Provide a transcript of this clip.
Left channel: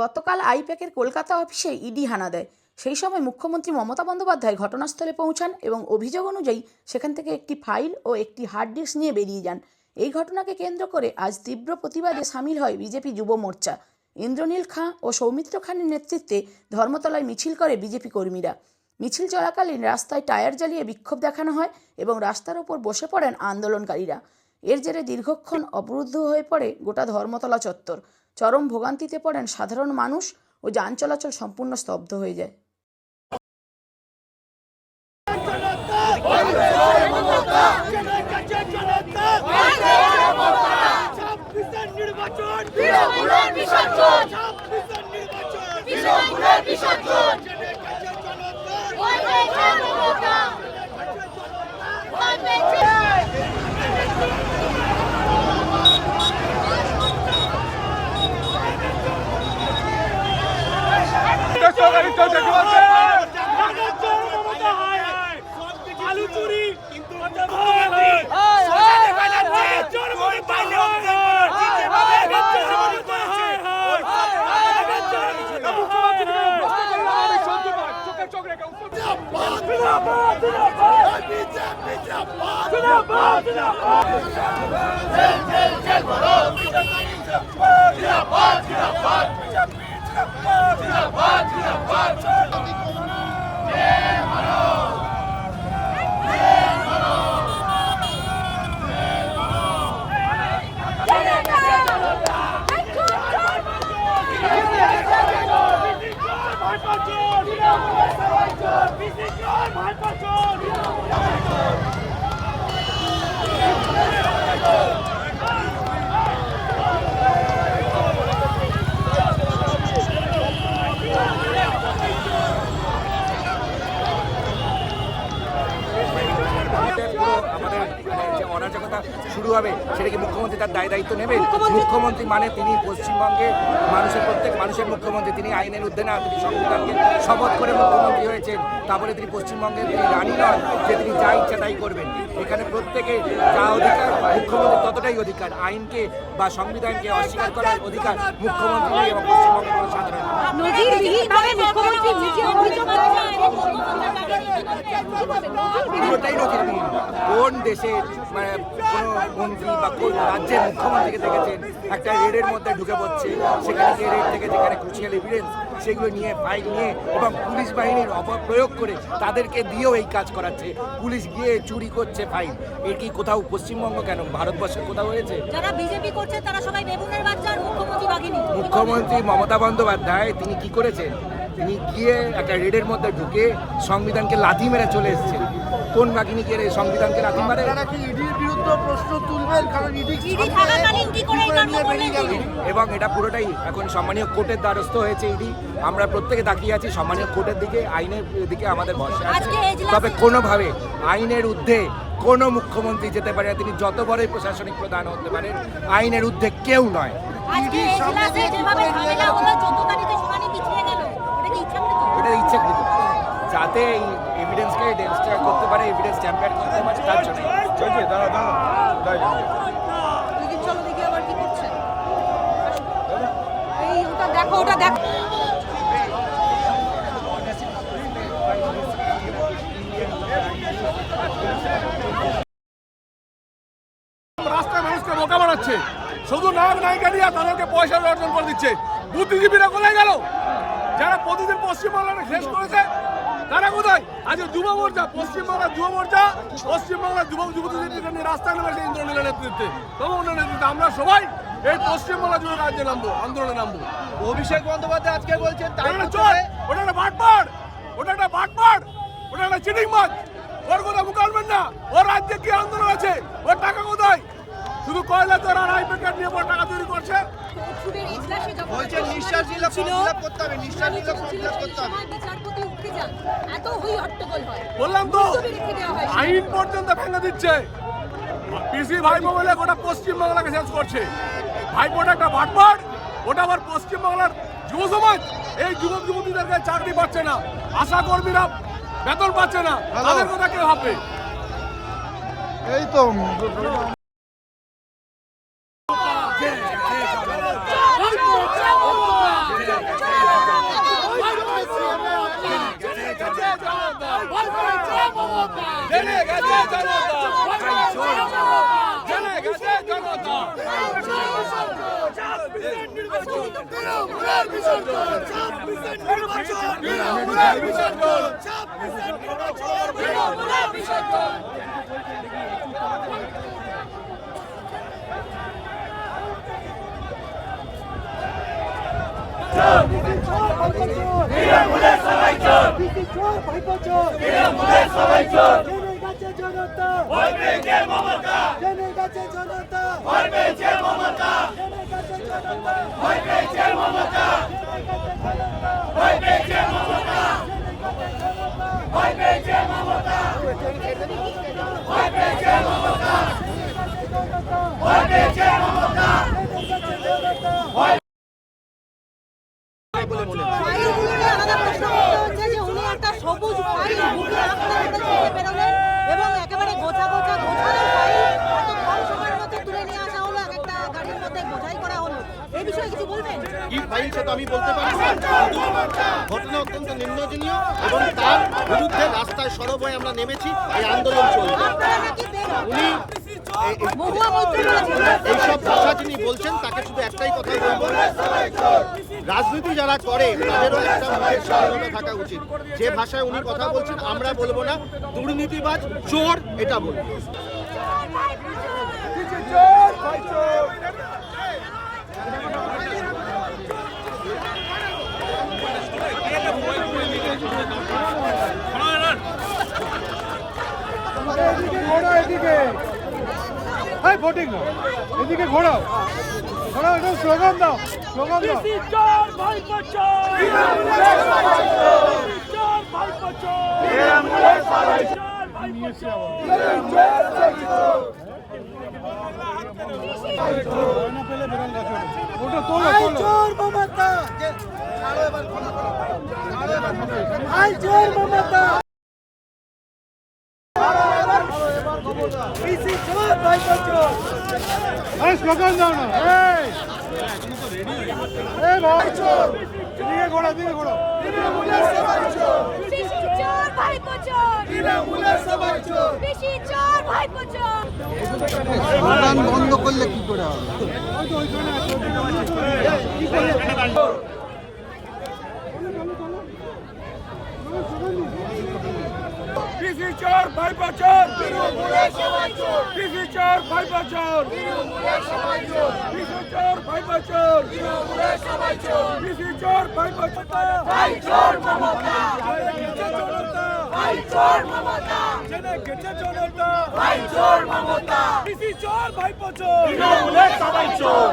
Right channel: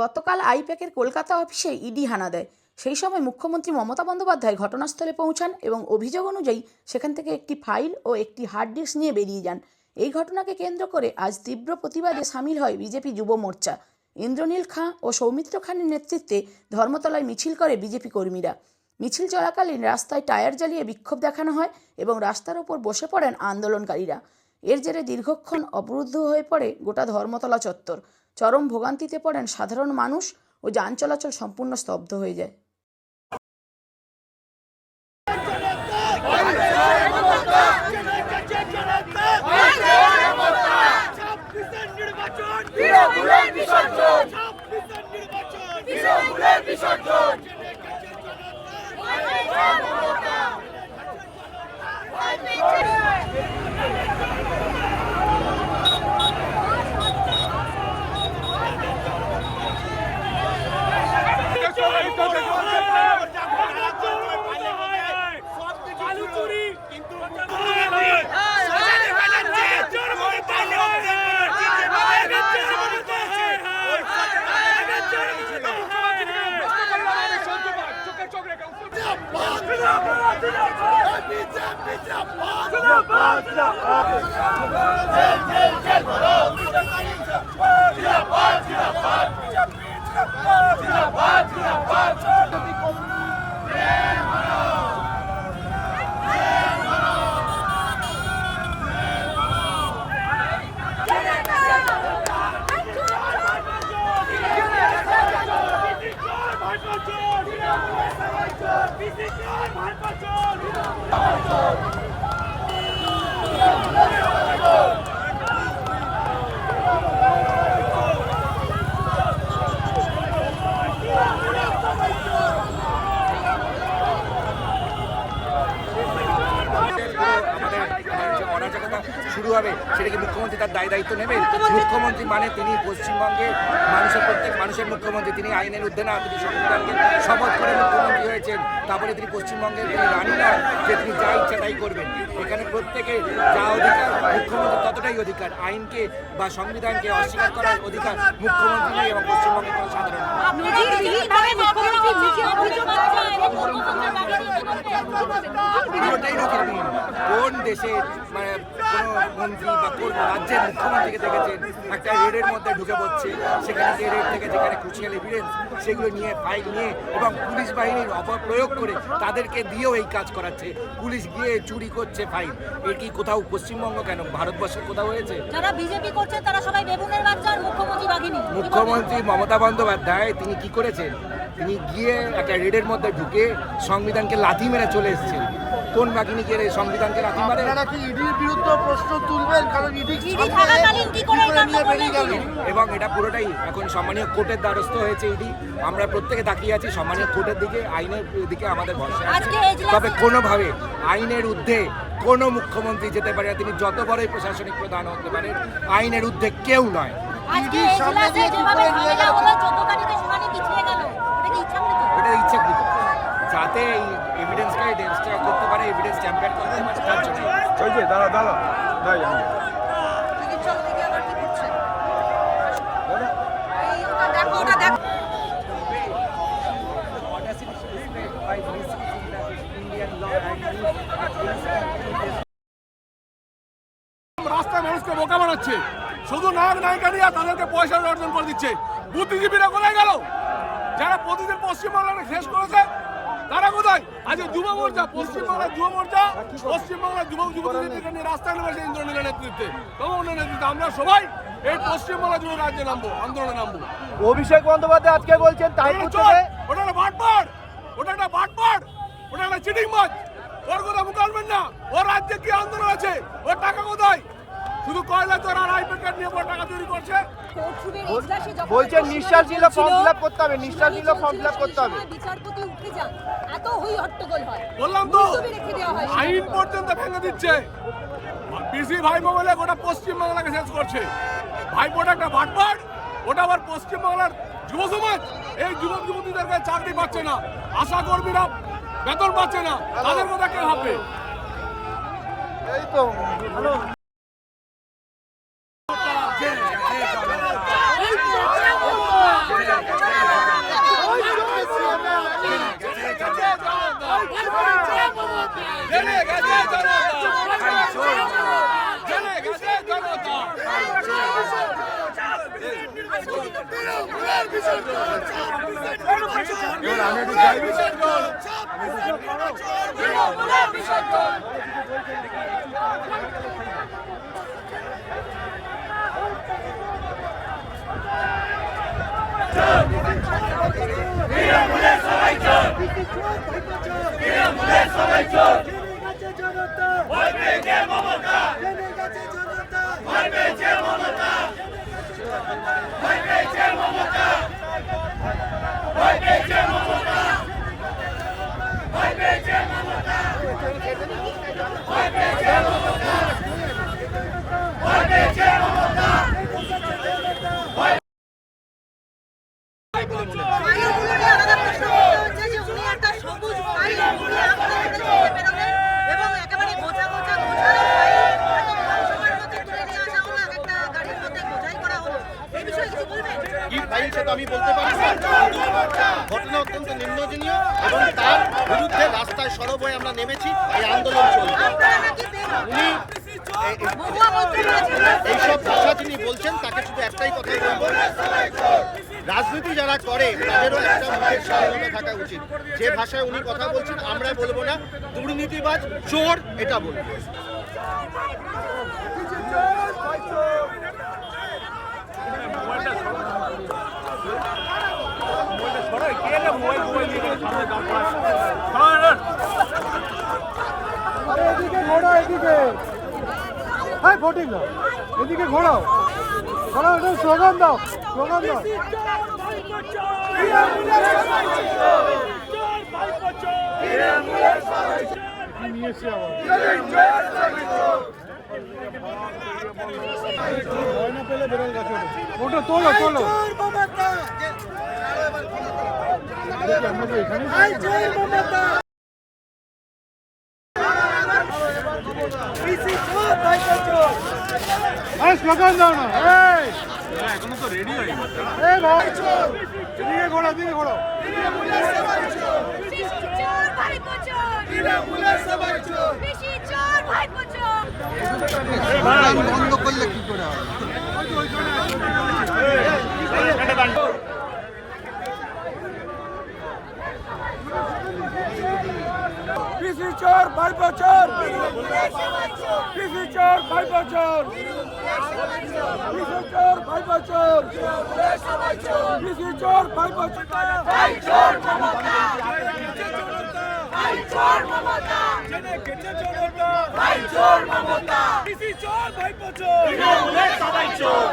গতকাল আইপ্যাকের কলকাতা অফিসে ইডি হানা দেয়। সেই সময় মুখ্যমন্ত্রী মমতা বন্দ্যোপাধ্যায় ঘটনাস্থলে পৌঁছান এবং অভিযোগ অনুযায়ী সেখান থেকে একটি ফাইল ও একটি হার্ড ডিস্ক নিয়ে বেরিয়ে যান। এই ঘটনাকে কেন্দ্র করে আজ তীব্র প্রতিবাদে সামিল হয় বিজেপি যুব মোর্চা। ইন্দ্রনীল খাঁ ও সৌমিত্র খানের নেতৃত্বে ধর্মতলায় মিছিল করে বিজেপি কর্মীরা। মিছিল চলাকালীন রাস্তায় টায়ার জ্বালিয়ে বিক্ষোভ দেখানো হয় এবং রাস্তার ওপর বসে পড়েন আন্দোলনকারীরা। এর জেরে দীর্ঘক্ষণ অবরুদ্ধ হয়ে পড়ে গোটা ধর্মতলা চত্বর। চরম ভোগান্তিতে পড়েন সাধারণ মানুষ ও যান চলাচল সম্পূর্ণ স্তব্ধ হয়ে যায়। অরাজকতা শুরু হবে সেটা কি মুখ্যমন্ত্রী তার দায়িত্ব নেবেন? মুখ্যমন্ত্রী মানে তিনি পশ্চিমবঙ্গের মানুষের প্রত্যেক মানুষের মুখ্যমন্ত্রী। তিনি আইনের ঊর্ধ্বে না, তিনি সংবিধানকে শপথ করে মুখ্যমন্ত্রী হয়েছেন। তারপরে তিনি পশ্চিমবঙ্গের তিনি রানী নন যে তিনি যা ইচ্ছা তাই করবেন। এখানে প্রত্যেকে যা অধিকার মুখ্যমন্ত্রীর ততটাই অধিকার। আইনকে বা সংবিধানকে অস্বীকার করার অধিকার মুখ্যমন্ত্রী নেই এবং পশ্চিমবঙ্গের কোনো সাধারণ পুরোটাই নজিরবিহীন। কোন দেশের মানে কোনো মন্ত্রী বা কোন রাজ্যের মুখ্যমন্ত্রীকে দেখেছেন একটা রেডের মধ্যে ঢুকে পড়ছে, সেখানে যে রেড থেকে যেখানে ক্রুশিয়াল এভিডেন্স সেগুলো নিয়ে ফাইল নিয়ে এবং পুলিশ বাহিনীর অপপ্রয়োগ করে তাদেরকে দিয়েও এই কাজ করাচ্ছে। পুলিশ গিয়ে চুরি করছে ফাইল। এর কি কোথাও পশ্চিমবঙ্গ কেন ভারতবর্ষের কোথাও হয়েছে? যারা বিজেপি করছে তারা সবাই বেগুনের বাচ্চা আর মুখ্যমন্ত্রী বাঘিনী। মুখ্যমন্ত্রী মমতা বন্দ্যোপাধ্যায় তিনি কি করেছেন? তিনি গিয়ে একটা রেডের মধ্যে ঢুকে সংবিধানকে লাথি মেরে চলে এসেছেন। কোন বাহিনী গিয়ে সংবিধানকে লাথি মারে? এবং এটা পুরোটাই এখন সম্মানীয় কোর্টের দ্বারস্থ হয়েছে ইডি। আমরা প্রত্যেকে তাকিয়ে আছি সম্মানীয় কোর্টের দিকে, আইনের দিকে আমাদের ভরসা আছে। তবে কোনোভাবে আইনের ঊর্ধ্বে কোনো মুখ্যমন্ত্রী যেতে পারে না। তিনি যত বড়ই প্রশাসনিক প্রধান হতে পারেন, আইনের ঊর্ধ্বে কেউ নয়। এটা ইচ্ছাকৃত, যাতে এই এভিডেন্সকে ডেমস্টার করতে পারে, এভিডেন্স ট্যাম্পার করতে পারে, তার জন্য। রাস্তায় মানুষকে বোকা বানাচ্ছে, শুধু নায়ক নায়িকা দিয়ে তাদেরকে পয়সা অর্জন করে দিচ্ছে। বুদ্ধিজীবীরা কোথায় গেল? যারা প্রতিদিন পশ্চিমবাংলাকে শেষ করেছে তারা কোথায়? আজকে যুব মোর্চা, পশ্চিমবাংলার যুব মোর্চা, পশ্চিমবাংলার যুবক যুবতীদেরকে নিয়ে রাস্তায় নেমেছে ইন্দ্রনীলের নেতৃত্বে, তমনের নেতৃত্বে। আমরা সবাই এই পশ্চিমবাংলা জুড়ে রাজ্যে নামবো, আন্দোলনে নামবো। অভিষেক বন্দ্যোপাধ্যায় আজকে বলছেন ওটা একটা বাটপাড়, ওটা একটা বাটপাড়, ওটা একটা চিটিং মাছ। ওর কথা মুখালবেন না। ওর রাজ্যে কি আন্দোলন আছে? ওর টাকা কোথায়? শুধু কয়লা তোর আর আইপ্যাকেট নিয়ে টাকা তৈরি করছে। বলছেন নিঃশ্বাস নিলে ফর্ম ফিল আপ করতে হবে, নিঃশ্বাস নিলে ফর্ম ফিল আপ করতে হবে। বিচারপতি উঠে যান, এত হই হট্টগোল হয়। বললাম তো আইন পর্যন্ত ভেঙে দিচ্ছে। পিসি ভাইপো বলে গোটা পশ্চিমবাংলাকে শেষ করছে। ভাইপোটা একটা ভাটপাড়, ওটা আবার পশ্চিমবাংলার যুব সমাজ। এই যুবক যুবতীদেরকে চাকরি পাচ্ছে না, আশা কর্মীরা বেতন পাচ্ছে না, তাদের কথা কে ভাববে? এই তো আমাদের প্রশ্ন হচ্ছে যে উনি একটা সবুজ ফাইল বেরোলেন এবং একেবারে গোছা গোছা গোছানো ফাইল সবার মধ্যে তুলে নিয়ে আসা হলো, একটা গাড়ির মধ্যে বোঝাই করা হলো। এই বিষয়ে কিছু বলবেন? কি ফাইল সেটা আমি বলতে পারি না। ঘটনা অত্যন্ত নিন্দনীয় এবং তার বিরুদ্ধে রাস্তায় সরব হয়ে আমরা নেমেছি, এই আন্দোলন চলছে। আপনারা নাকি উনি এইসব ভাষা যিনি বলছেন তাকে শুধু একটাই কথা বলবো, রাজনীতি যারা করে তাদেরও একটা মুখের স্বাধীনতা থাকা উচিত। যে ভাষায় উনি কথা বলছেন আমরা বলবো না, দুর্নীতিবাজ, চোর এটা বলবো। এদিকে ঘোরাও, এদিকে হ্যাঁ ভোটিং না, এদিকে ঘোরাও ঘোরাও, এটা স্লোগান দাও, স্লোগান দাও। নিয়েছি ভয় না পেলে বেরোল গাছে ওটা তোলো স্লোগান দাও না। দিকে ঘোড়া, দিকে ঘোড়া। স্লোগান বন্ধ করলে কি করে হবে? পিসি চোর, ভাইপো চোর, পিসি চোর, ভাইপো চোর, পিসি চোর, ভাইপো চোর, পিসি চোর, ভাইপো চোর, ভাই চোর মমতা, ভাই চোর মমতা, জেনে গেছে জনতা, ভাই চোর মমতা, পিসি চোর, ভাইপো চোর, সবাই চোর।